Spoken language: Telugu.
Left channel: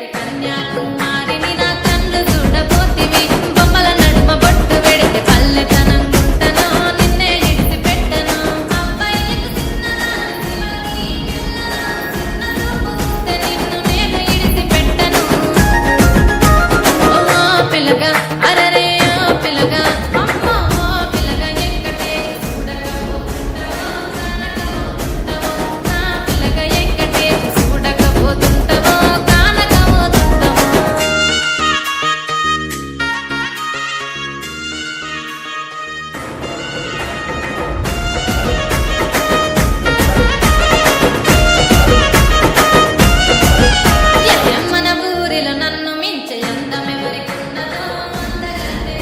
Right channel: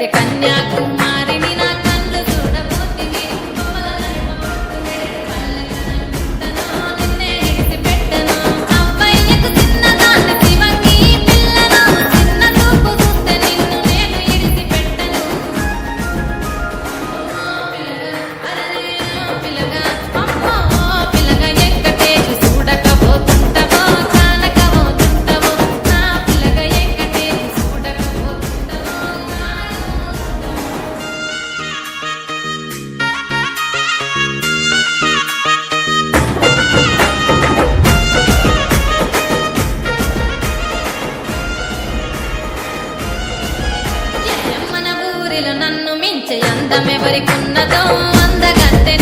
పెడితే కన్యాకుమారిని నా కళ్ళు చూడపోతివి బొమ్మల నడుమ బొట్టు పెడితే పల్లెతనం గుంటను నిన్నే ఇడిసి పెట్టను అబ్బాయికు చిన్నదాన్ని శివంగి పిల్లను చిన్న చూపు చూస్తే నిన్ను నేను ఇడిసి పెట్టను ఓ పిల్లగా అరరే ఓ పిల్లగా అమ్మో ఓ పిల్లగా ఎక్కటేసి చూడకపోతుంటవో కానకపోతుంటవో నా పిల్లగా ఎక్కటేసి చూడకపోతుంటవో కానకపోతుంటవో మన ఊరిలో నన్ను మించే అందమెవరికున్నదో అందగత్తె